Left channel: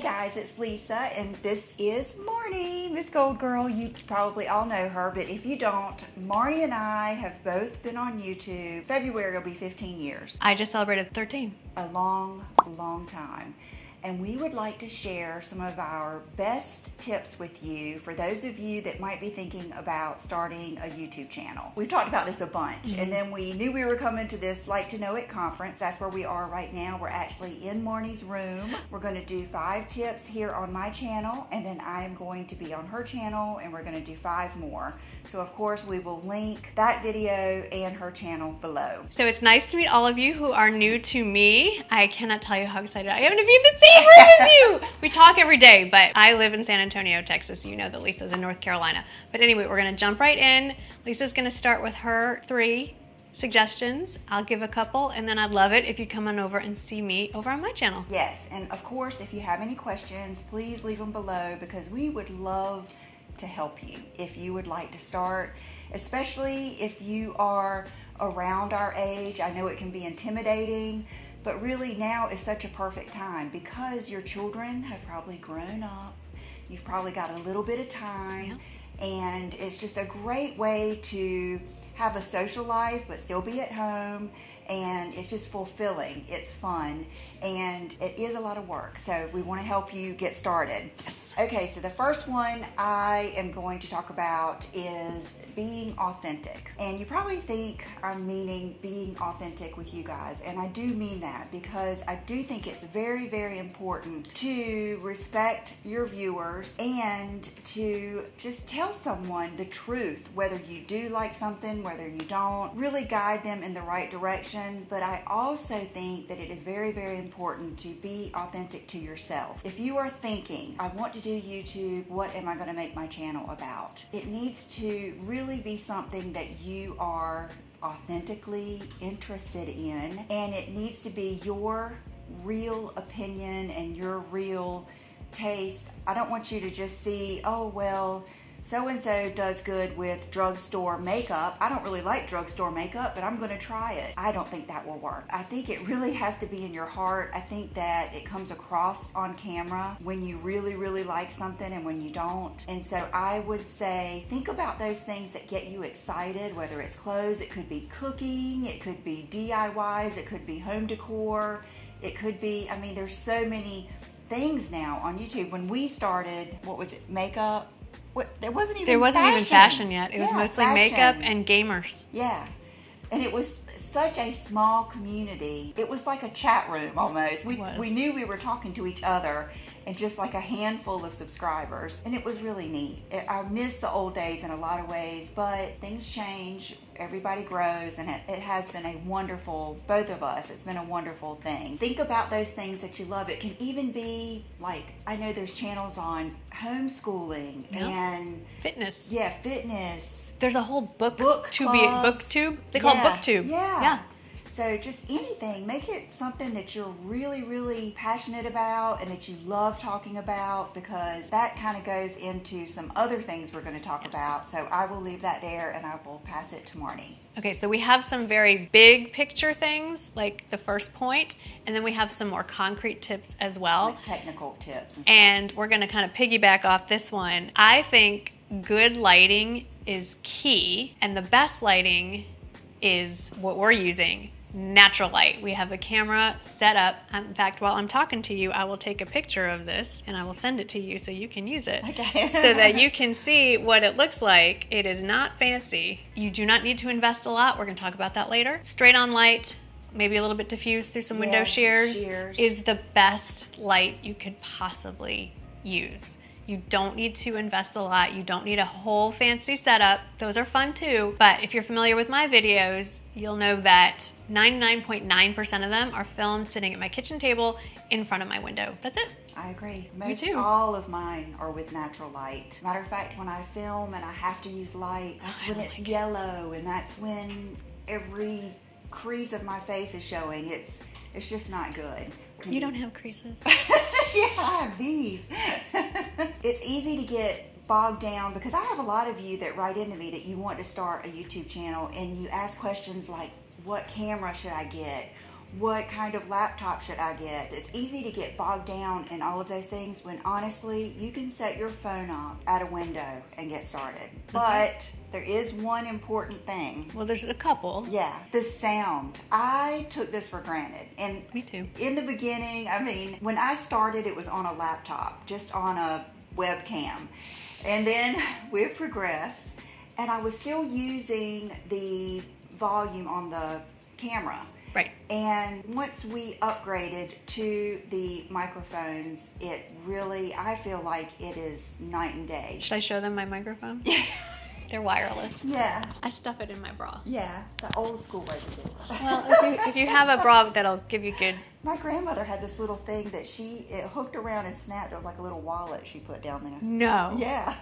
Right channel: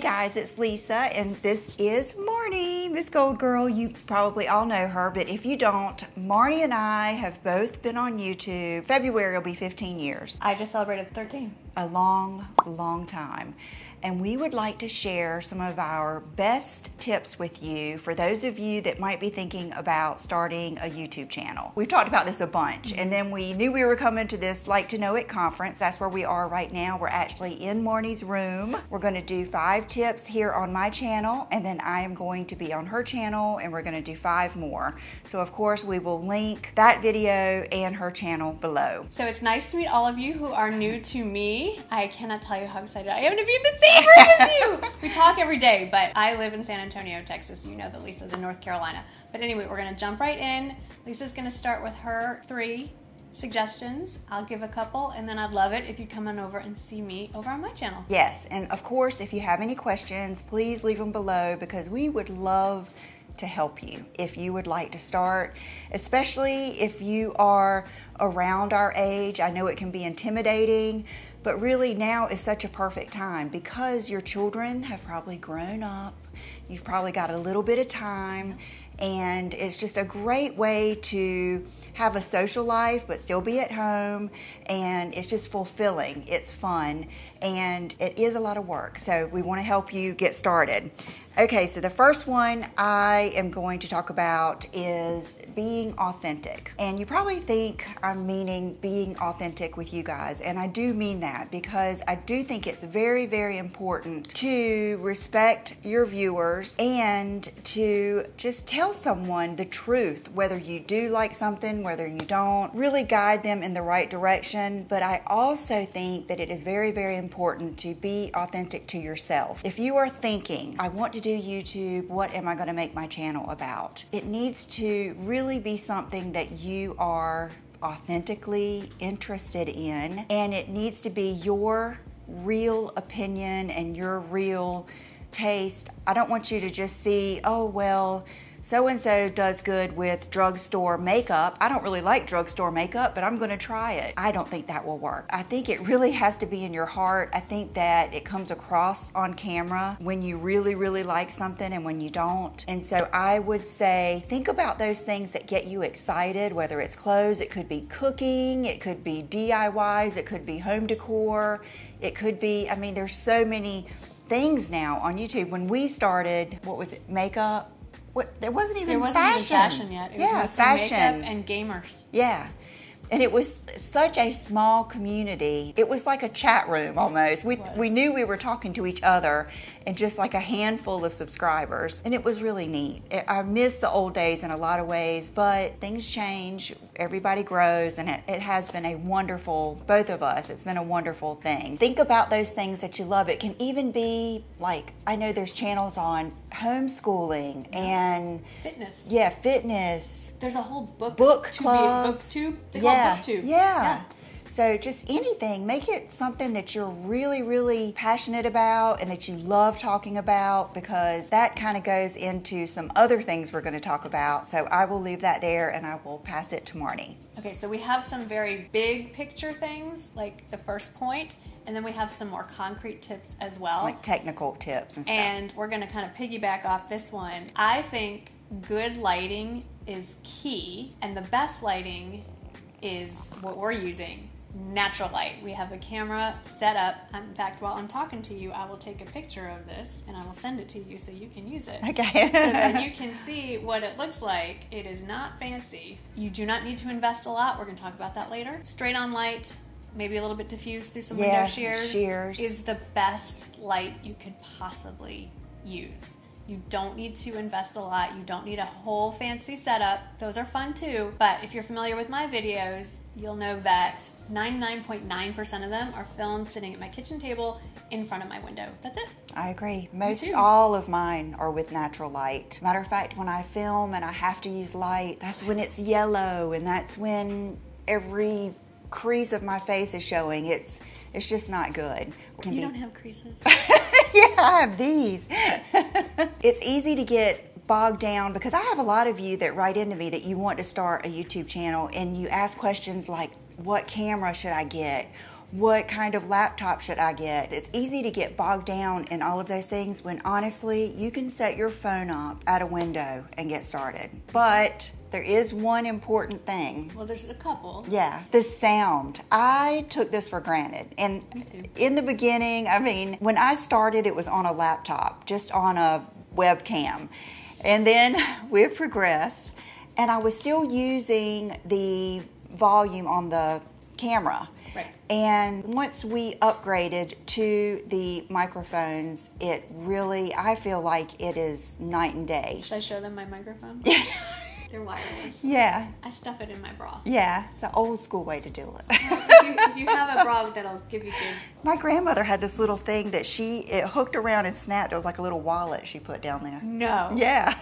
Hey guys, it's Lisa, and this is Marnie, MsGoldgirl. You probably all know her, but if you don't, Marnie and I have both been on YouTube. February will be 15 years. I just celebrated 13. A long, long time. And we would like to share some of our best tips with you for those of you that might be thinking about starting a YouTube channel. We've talked about this a bunch, and then we knew we were coming to this Like to Know It conference. That's where we are right now. We're actually in Marnie's room. We're going to do 5 tips here on my channel, and then I am going to be on her channel, and we're going to do 5 more. So of course we will link that video and her channel below. So it's nice to meet all of you who are new to me. I cannot tell you how excited I am to be in the same room as you. We talk every day, but I live in San Antonio, Texas. You know that Lisa's in North Carolina. But anyway, we're gonna jump right in. Lisa's gonna start with her 3 suggestions. I'll give a couple, and then I'd love it if you come on over and see me over on my channel. Yes, and of course, if you have any questions, please leave them below because we would love to help you if you would like to start, especially if you are around our age. I know it can be intimidating, but really now is such a perfect time because your children have probably grown up. You've probably got a little bit of time, and it's just a great way to have a social life but still be at home, and it's just fulfilling. It's fun, and it is a lot of work, so we want to help you get started. Okay, so the first one I am going to talk about is being authentic. And you probably think I'm meaning being authentic with you guys, and I do mean that because I do think it's very, very important to respect your viewers and to just tell someone the truth, whether you do like something, whether you don't, really guide them in the right direction. But I also think that it is very, very important to be authentic to yourself. If you are thinking, I want to do YouTube, what am I going to make my channel about? It needs to really be something that you are authentically interested in, and it needs to be your real opinion and your real taste. I don't want you to just see, oh well, so-and-so does good with drugstore makeup. I don't really like drugstore makeup, but I'm gonna try it. I don't think that will work. I think it really has to be in your heart. I think that it comes across on camera when you really, really like something and when you don't. And so I would say, think about those things that get you excited, whether it's clothes, it could be cooking, it could be DIYs, it could be home decor, it could be, I mean, there's so many things now on YouTube. When we started, what was it, makeup? There wasn't even fashion yet. It was mostly makeup and gamers. Yeah. And it was such a small community. It was like a chat room almost. We knew we were talking to each other and just like a handful of subscribers. And it was really neat. I miss the old days in a lot of ways, but things change. Everybody grows, and it has been a wonderful, both of us, it's been a wonderful thing. Think about those things that you love. It can even be like, I know there's channels on homeschooling and fitness. Yeah, fitness. There's a whole booktube. They call it booktube. Yeah. So just anything, make it something that you're really, really passionate about and that you love talking about, because that kind of goes into some other things we're going to talk about. So I will leave that there and I will pass it to Marnie. Okay, so we have some very big picture things like the first point, and then we have some more concrete tips as well. Like technical tips and stuff. And we're going to kind of piggyback off this one. I think good lighting is key, and the best lighting is what we're using. Natural light. We have a camera set up. In fact, while I'm talking to you, I will take a picture of this and I will send it to you so you can use it. Okay. So that you can see what it looks like. It is not fancy. You do not need to invest a lot. We're going to talk about that later. Straight on light, maybe a little bit diffused through some window shears, is the best light you could possibly use. You don't need to invest a lot. You don't need a whole fancy setup. Those are fun too. But if you're familiar with my videos, you'll know that 99.9% of them are filmed sitting at my kitchen table in front of my window. That's it. I agree. All of mine are with natural light. Matter of fact, when I film and I have to use light, that's when it's yellow, and that's when every crease of my face is showing. It's just not good. You don't have creases. Yeah, I have these. It's easy to get bogged down because I have a lot of you that write into me that you want to start a YouTube channel, and you ask questions like, what camera should I get? what kind of laptop should I get? It's easy to get bogged down in all of those things when honestly, you can set your phone up at a window and get started. But there is one important thing. Well, there's a couple. Yeah, the sound. I took this for granted. And me too. In the beginning, I mean, when I started, it was on a laptop, just on a webcam. And then we've progressed, and I was still using the volume on the camera. Right. And once we upgraded to the microphones, it really, I feel like it is night and day. Should I show them my microphone? They're wireless. Yeah. I stuff it in my bra. Yeah, it's an old school way to do it. Well, if you have a bra that'll give you good. My grandmother had this little thing that it hooked around and snapped. It was like a little wallet she put down there. No. Yeah.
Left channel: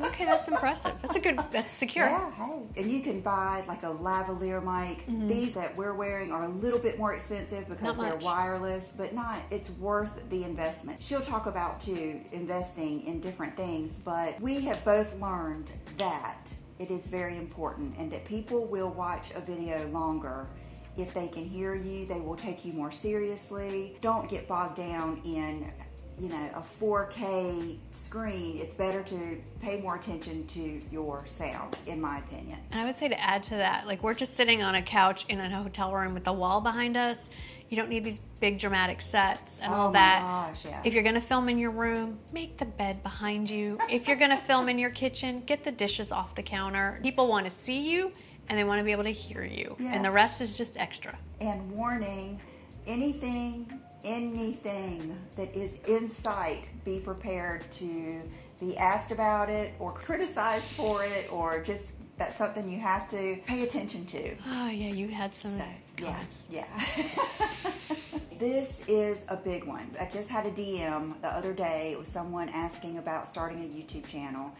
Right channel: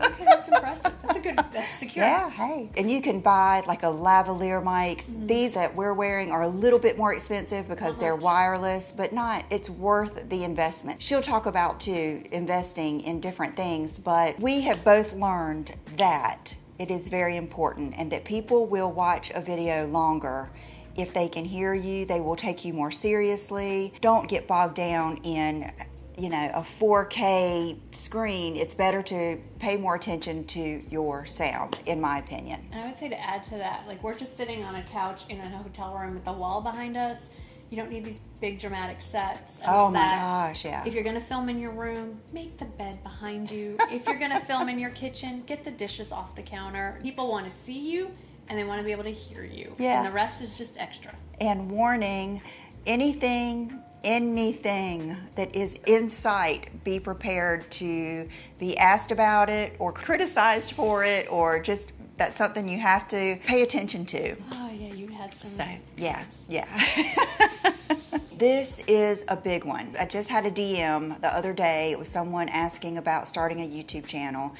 Okay, that's impressive. That's secure. Yeah, hey. And you can buy like a lavalier mic. These that we're wearing are a little bit more expensive because they're wireless, but it's worth the investment. She'll talk about too, investing in different things, but we have both learned that it is very important and that people will watch a video longer if they can hear you. They will take you more seriously. Don't get bogged down in a 4K screen. It's better to pay more attention to your sound, in my opinion. And I would say to add to that, like we're just sitting on a couch in a hotel room with the wall behind us. You don't need these big dramatic sets and all that. Oh my gosh, yeah. If you're gonna film in your room, make the bed behind you. If you're gonna film in your kitchen, get the dishes off the counter. People wanna see you and they wanna be able to hear you. Yeah. And the rest is just extra. And warning, anything that is in sight, be prepared to be asked about it or criticized for it, or just that's something you have to pay attention to. Oh yeah, you had some comments. Yeah. This is a big one. I just had a DM the other day. It was someone asking about starting a YouTube channel.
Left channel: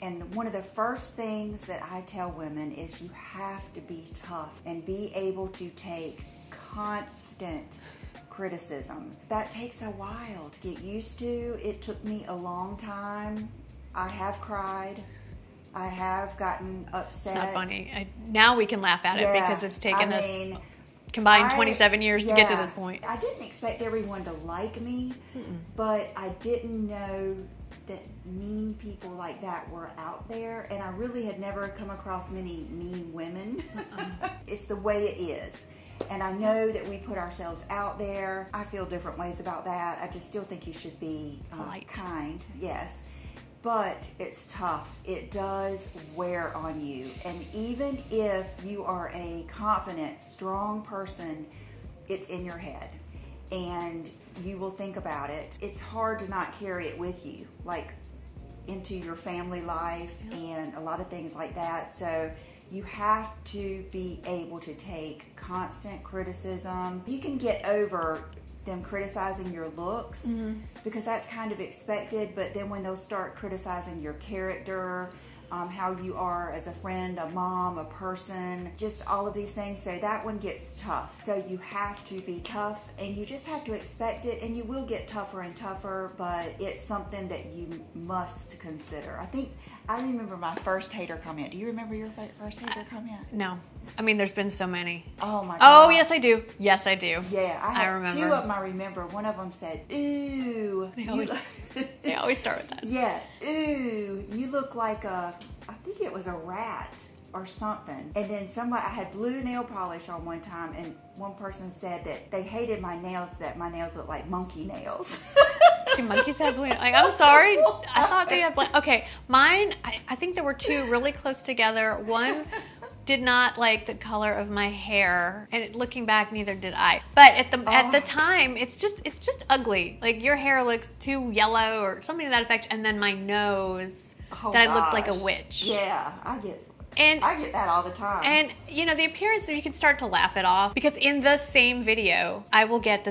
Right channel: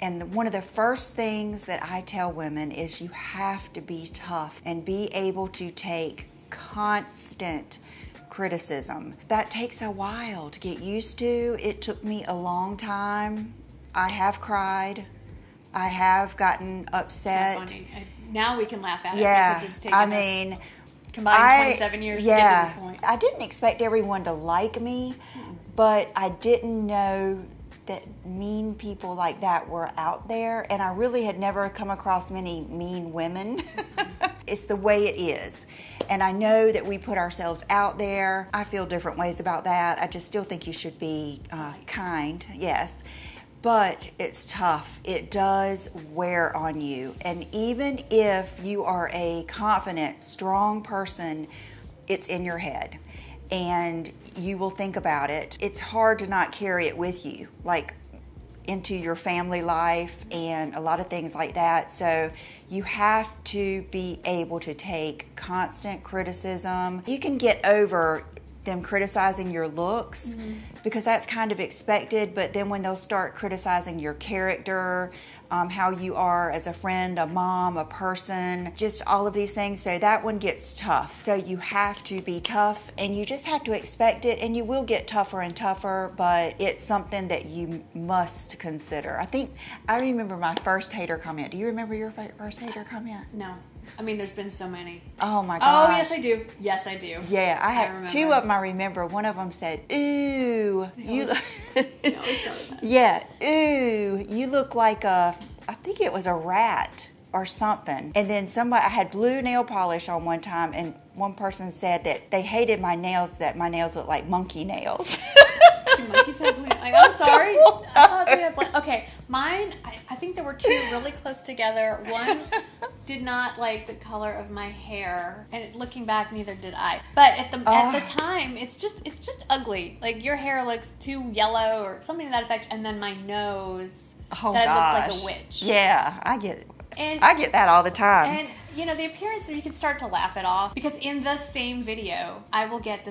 And one of the first things that I tell women is you have to be tough and be able to take constant criticism. That takes a while to get used to. It took me a long time. I have cried. I have gotten upset. It's not funny. Now we can laugh at it because it's taken us combined 27 years to get to this point. I didn't expect everyone to like me, but I didn't know that mean people like that were out there, and I really had never come across many mean women. It's the way it is. And I know that we put ourselves out there. I feel different ways about that. I just still think you should be kind, yes. But it's tough. It does wear on you. And even if you are a confident, strong person, it's in your head. And you will think about it. It's hard to not carry it with you, like into your family life and a lot of things like that. So you have to be able to take constant criticism. You can get over them criticizing your looks because that's kind of expected, but then when they'll start criticizing your character, how you are as a friend, a mom, a person, just all of these things. So that one gets tough. So you have to be tough and you just have to expect it, and you will get tougher and tougher, but it's something that you must consider. I remember my first hater comment. Do you remember your first hater comment? No. I mean, there's been so many. Oh my Oh, God. yes, I do. Yes, I do. Yeah, I had two of them I remember. One of them said, ooh. They always start with that. Yeah, ooh, you look like I think it was a rat or something. And then I had blue nail polish on one time, and one person said that they hated my nails, that my nails looked like monkey nails. Do monkeys have blue? I'm sorry. I thought they had blue. Okay, mine, I think there were two really close together. One did not like the color of my hair, and looking back, neither did I. But at the time, it's just ugly. Like your hair looks too yellow or something to that effect, and then my nose I looked like a witch. Yeah, I get it. And I get that all the time. And the appearance, you can start to laugh it off, because in the same video, I will get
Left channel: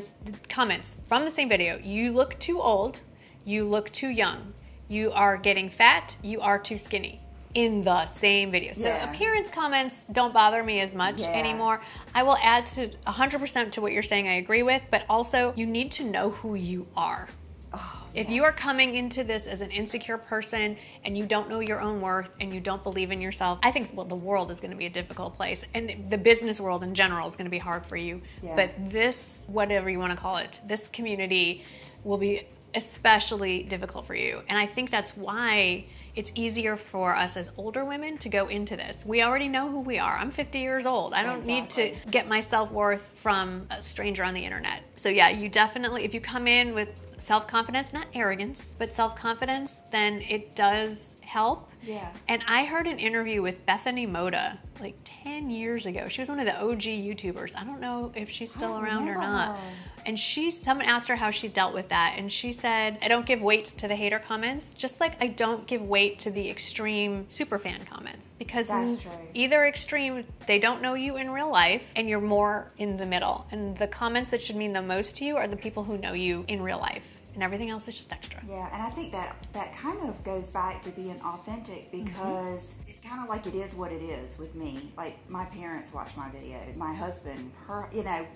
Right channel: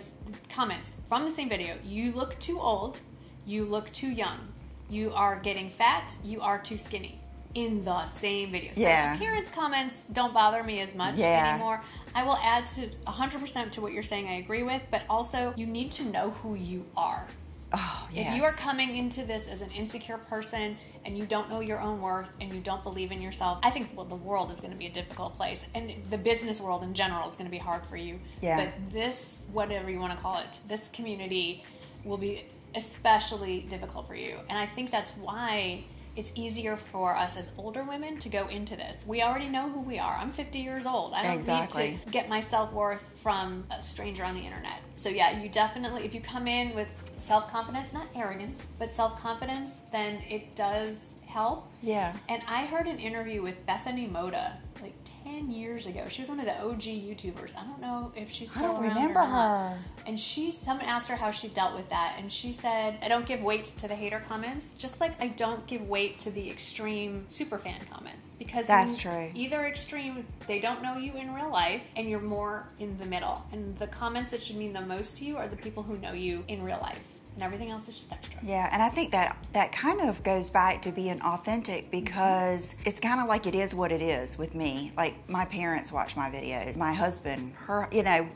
comments from the same video. You look too old. You look too young. You are getting fat. You are too skinny. In the same video. So appearance comments don't bother me as much anymore. I will add to 100% to what you're saying I agree with, but also you need to know who you are. Oh, If you are coming into this as an insecure person and you don't know your own worth and you don't believe in yourself, I think the world is going to be a difficult place, and the business world in general is going to be hard for you. Yeah. But this, whatever you want to call it, this community will be especially difficult for you. And I think that's why it's easier for us as older women to go into this. We already know who we are. I'm 50 years old. I don't need to get my self-worth from a stranger on the internet. So yeah, you definitely, if you come in with self-confidence, not arrogance, but self-confidence, then it does help. Yeah. And I heard an interview with Bethany Moda like 10 years ago. She was one of the OG YouTubers. I don't know if she's still around or not. Her. And someone asked her how she dealt with that. And she said, I don't give weight to the hater comments, just like I don't give weight to the extreme superfan comments. Because that's true. Either extreme, they don't know you in real life, and you're more in the middle. And the comments that should mean the most to you are the people who know you in real life. And everything else is just extra. Yeah, and I think that kind of goes back to being authentic, because it's kind of like it is what it is with me. Like, my parents watch my videos. My husband,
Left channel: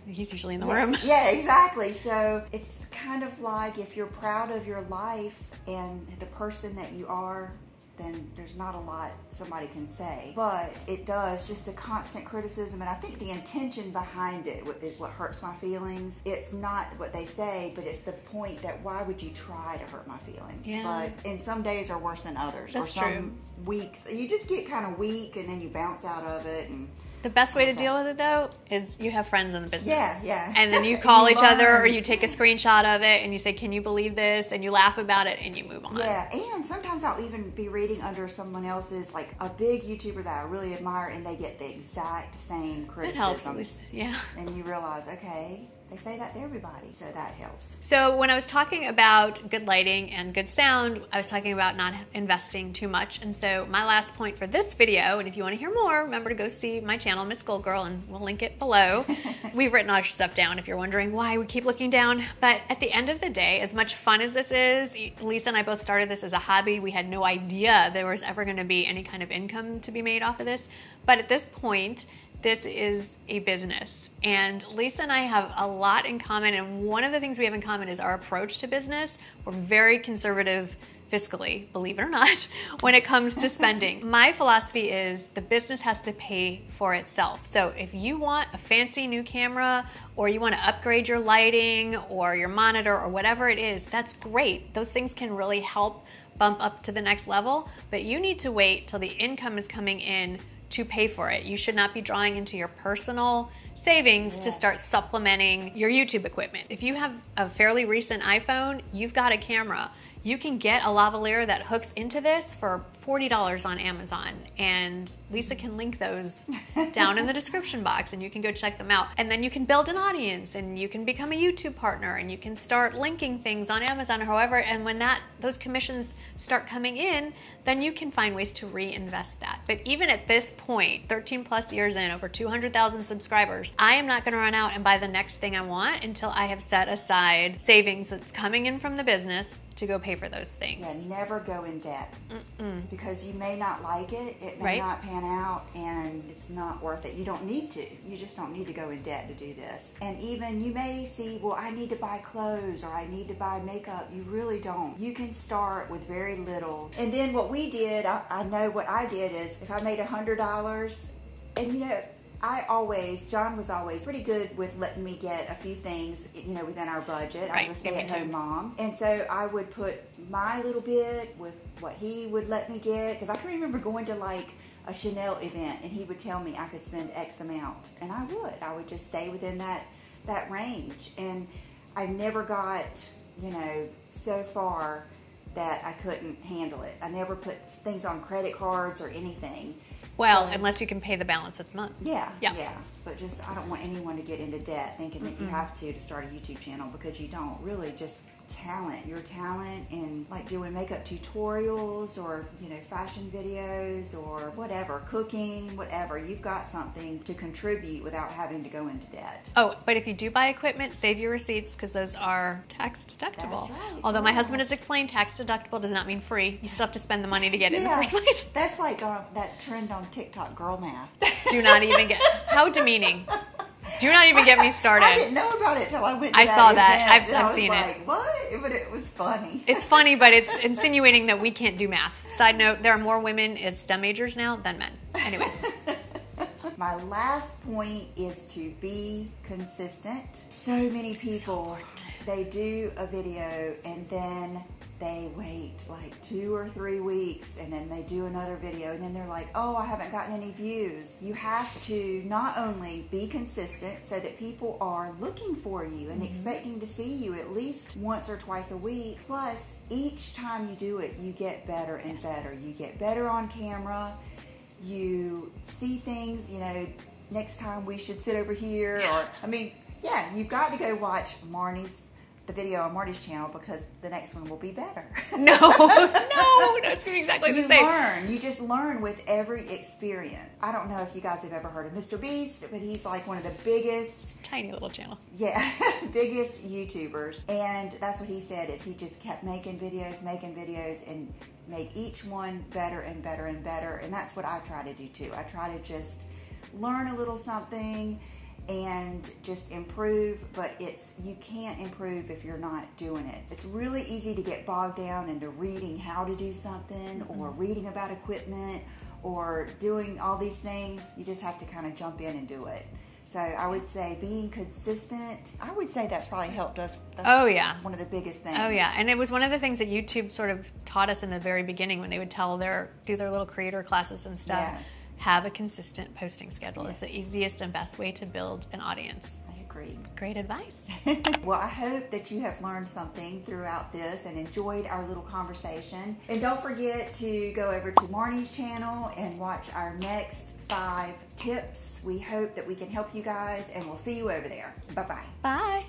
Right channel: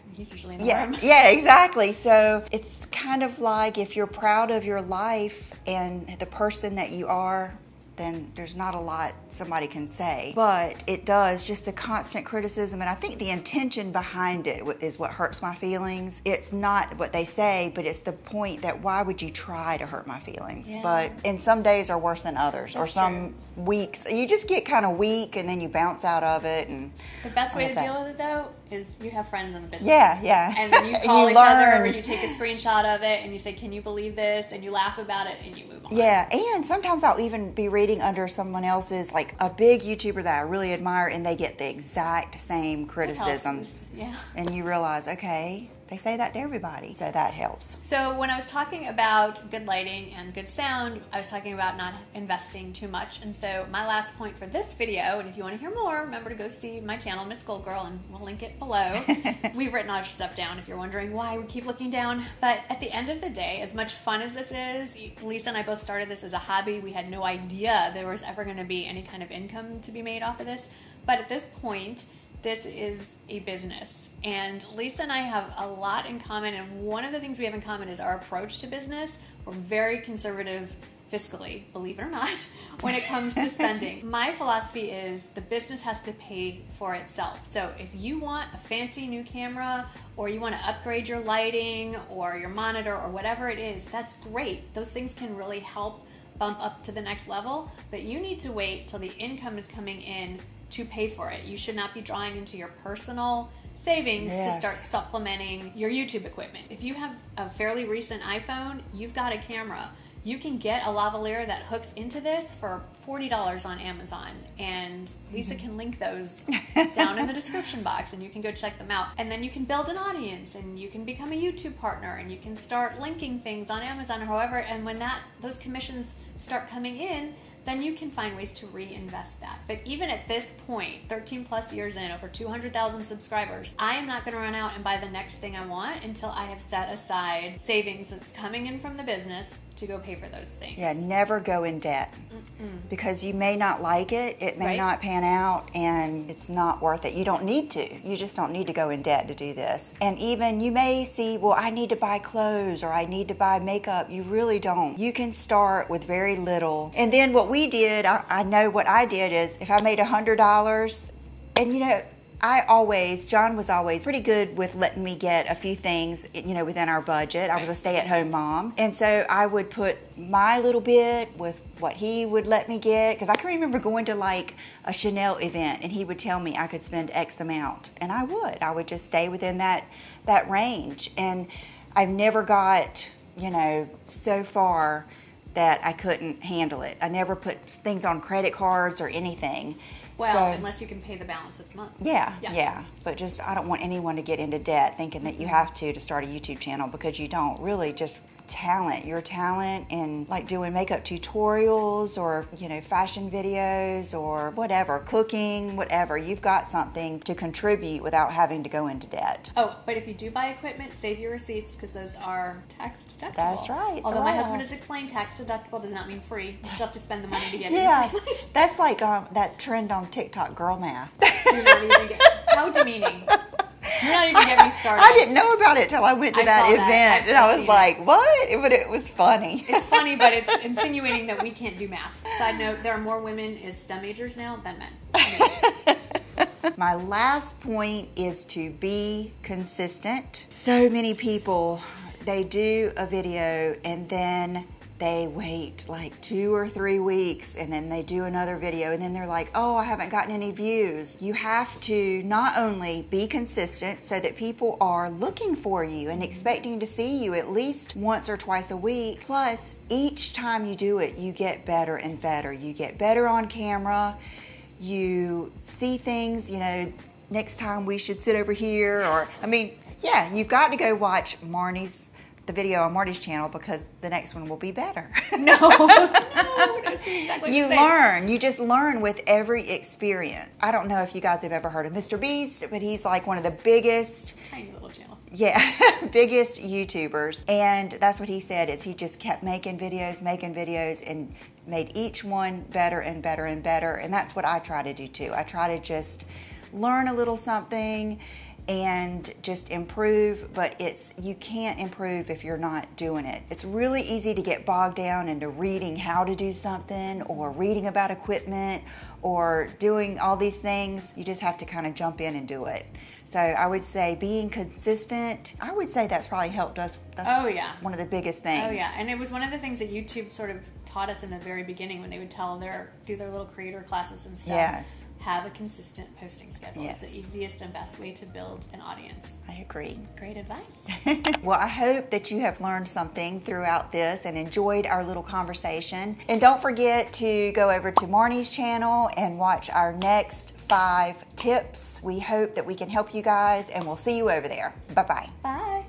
he's usually in the room. Yeah, exactly. So it's kind of like, if you're proud of your life and the person that you are, then there's not a lot somebody can say. But it does, just the constant criticism, and I think the intention behind it is what hurts my feelings. It's not what they say, but it's the point that why would you try to hurt my feelings? Yeah. But and some days are worse than others. That's or some true. weeks you just get kind of weak and then you bounce out of it. And the best way to deal with it, though, is you have friends in the business. Yeah. And then you call each other, or you take a screenshot of it and you say, can you believe this? And you laugh about it and you move on. Yeah, and sometimes I'll even be reading under someone else's, like a big YouTuber that I really admire, and they get the exact same criticisms. Yeah. And you realize, okay, they say that to everybody, so that helps. So when I was talking about good lighting and good sound, I was talking about not investing too much. And so my last point for this video, and if you want to hear more, remember to go see my channel, MsGoldgirl, and we'll link it below. We've written all your stuff down if you're wondering why we keep looking down. But at the end of the day, as much fun as this is, Lisa and I both started this as a hobby. We had no idea there was ever going to be any kind of income to be made off of this. But at this point, this is a business, and Lisa and I have a lot in common, and one of the things we have in common is our approach to business. We're very conservative fiscally, believe it or not, when it comes to spending. My philosophy is the business has to pay for itself. So if you want a fancy new camera, or you want to upgrade your lighting or your monitor or whatever it is, that's great. Those things can really help bump up to the next level, but you need to wait till the income is coming in to pay for it. You should not be drawing into your personal savings to start supplementing your YouTube equipment. If you have a fairly recent iPhone, you've got a camera. You can get a lavalier that hooks into this for $40 on Amazon, and Lisa can link those down in the description box, and you can go check them out. And then you can build an audience, and you can become a YouTube partner, and you can start linking things on Amazon or however, and when those commissions start coming in, then you can find ways to reinvest that. But even at this point, 13 plus years in, over 200,000 subscribers, I am not gonna run out and buy the next thing I want until I have set aside savings that's coming in from the business to go pay for those things. Yeah, never go in debt. Because you may not like it, it may not pan out, and it's not worth it. You don't need to. You just don't need to go in debt to do this. And even you may see, well, I need to buy clothes or I need to buy makeup. You really don't. You can start with very little. And then what we did, I know what I did is if I made $100, and you know, John was always pretty good with letting me get a few things, you know, within our budget. I was a stay-at-home mom. And so I would put my little bit with what he would let me get. Because I can remember going to like a Chanel event and he would tell me I could spend X amount. And I would just stay within that range. And I've never got, you know, so far that I couldn't handle it. I never put things on credit cards or anything. Well, unless you can pay the balance of the month. Yeah. But just, I don't want anyone to get into debt thinking that you have to start a YouTube channel, because you don't. Really, just your talent and like doing makeup tutorials or, you know, fashion videos or whatever, cooking, whatever. You've got something to contribute without having to go into debt. Oh, but if you do buy equipment, save your receipts, because those are tax deductible. That's right. Although my husband has explained tax deductible does not mean free. You still have to spend the money to get it in the first place. That's like that trend on TikTok, girl math. Do not even get, how demeaning. Do not even get me started. I didn't know about it till I went to that event. And I was like, what? But it was funny. It's funny, but it's insinuating that we can't do math. Side note, there are more women as STEM majors now than men. Anyway. My last point is to be consistent. So many people, they do a video and then they wait like 2 or 3 weeks and then they do another video and then they're like, oh, I haven't gotten any views. You have to not only be consistent so that people are looking for you and expecting to see you at least once or twice a week, plus each time you do it, you get better and better. You get better on camera. You see things, you know, next time we should sit over here, or, I mean, yeah, you've got to go watch the video on Marty's channel because the next one will be better. No, that's exactly you learn. You just learn with every experience. I don't know if you guys have ever heard of Mr. Beast, but he's like one of the biggest, tiny little channel. Yeah, biggest YouTubers. And that's what he said, is he just kept making videos and made each one better and better and better. And that's what I try to do too. I try to just learn a little something and just improve, but you can't improve if you're not doing it. It's really easy to get bogged down into reading how to do something or reading about equipment or doing all these things. You just have to kind of jump in and do it. So I would say being consistent, I would say that's probably helped us. That's one of the biggest things. Oh yeah, and it was one of the things that YouTube sort of taught us in the very beginning when they would do their little creator classes and stuff. Yes. Have a consistent posting schedule. Yes. It's the easiest and best way to build an audience. I agree. Great advice. Well, I hope that you have learned something throughout this and enjoyed our little conversation. And don't forget to go over to Marnie's channel and watch our next 5 tips. We hope that we can help you guys, and we'll see you over there. Bye-bye. Bye.